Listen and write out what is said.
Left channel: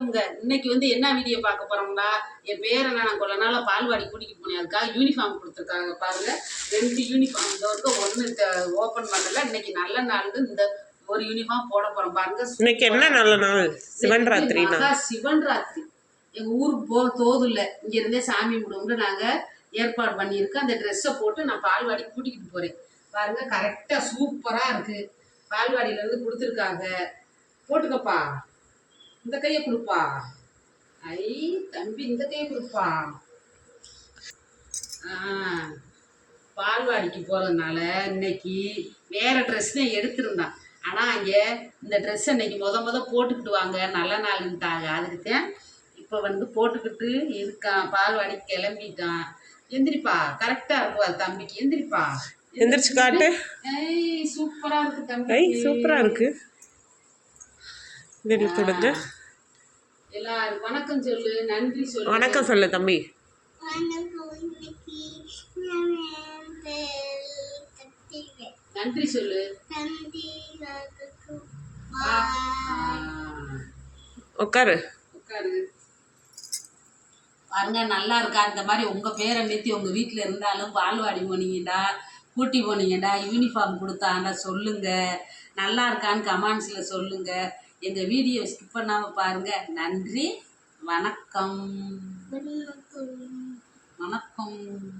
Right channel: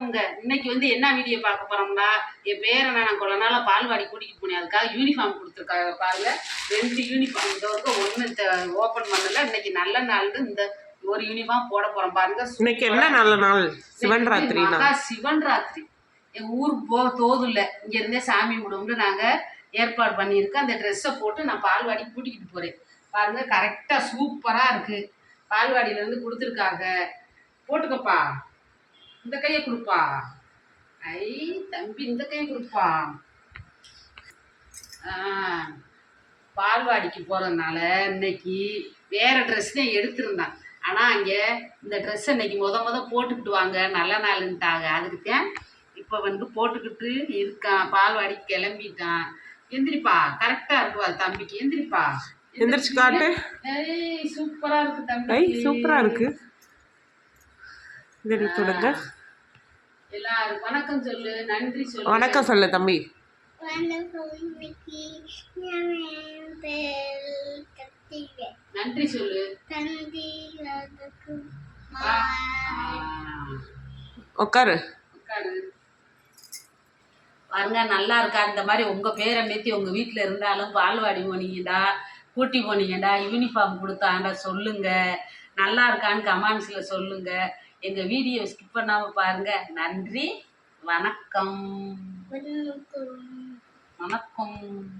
இங்க இன்னைக்கு வந்து என்ன வீடியோ பார்க்க போறோம்னா என் பேரனை நான் கொஞ்ச நாளா பால்வாடி கூட்டிகிட்டு போனேன். அதுக்காக யூனிஃபார்ம் கொடுத்துருக்காங்க பாருங்க. ரெண்டு யூனிஃபார்ம் இந்த வரைக்கும் ஒன்று ஓப்பன் பண்ணல இன்னைக்கு நல்ல நாள் இந்த ஒரு யூனிஃபார்ம் போட போறோம் பாருங்க. இன்னைக்கு என்ன நல்ல நாள்? சிவன் ராத்திரினா மகா சிவன் ராத்திரி எங்க ஊருக்கு போக தோதுல இங்க இருந்தே சாமி கும்பிடுவோம்னு நாங்க ஏற்பாடு பண்ணியிருக்கோம். அந்த ட்ரெஸ்ஸை போட்டு நான் பால்வாடி கூட்டிக்கிட்டு போறேன். பாருங்க கரெக்டா சூப்பரா இருக்கு. பால்வாடியில இருந்து கொடுத்துருக்காங்க. போட்டுக்கப்பா. இந்த கையை கொடுப்பா. ஐ தம்பி இந்த கையை கொடுப்பா. பால்வாடிக்கு போகிறதுனால இன்னைக்கு வேற ட்ரெஸ் தான் எடுத்திருந்தான். ஆனால் அங்கே இந்த ட்ரெஸ் இன்னைக்கு முத முத போட்டுக்கிட்டு வாங்க நல்ல நாளுன்ட்டாங்க அதுக்கு தான் இப்போ வந்து போட்டுக்கிட்டு இருக்கான். பால்வாடி கிளம்பிட்டான். எந்திரிப்பா. கரெக்டாக இருக்கு அது தம்பிக்கு. எந்திரிப்பா. எந்திரிச்சு காட்டு. ஏய் சூப்பரா இருக்கு தம்பி ஐ சூப்பரா இருக்கு. இதில் தொடுங்க எல்லாரும் வணக்கம் சொல்லு நன்றி சொல்லு. வணக்கம் சொல்லு தம்பி. நன்றி சொல்லு. உட்காரு உட்காரு பாருங்க நல்லா இருக்கா? இந்த மாதிரி உங்க பேரை மெத்தி உங்க வீட்டில் இருந்தாலும் பால்வாடி போனீங்கடா கூட்டி போனீங்கடா யூனிஃபார்ம் கொடுத்தாங்கடா சொல்லுங்க. நல்லா இருக்கான்னு கமெண்ட்ஸில் சொல்லுங்க. எங்க வீடியோ ஸ்கிப் பண்ணாம பாருங்க. நன்றி. வணக்கம். வணக்கம். வணக்கம்.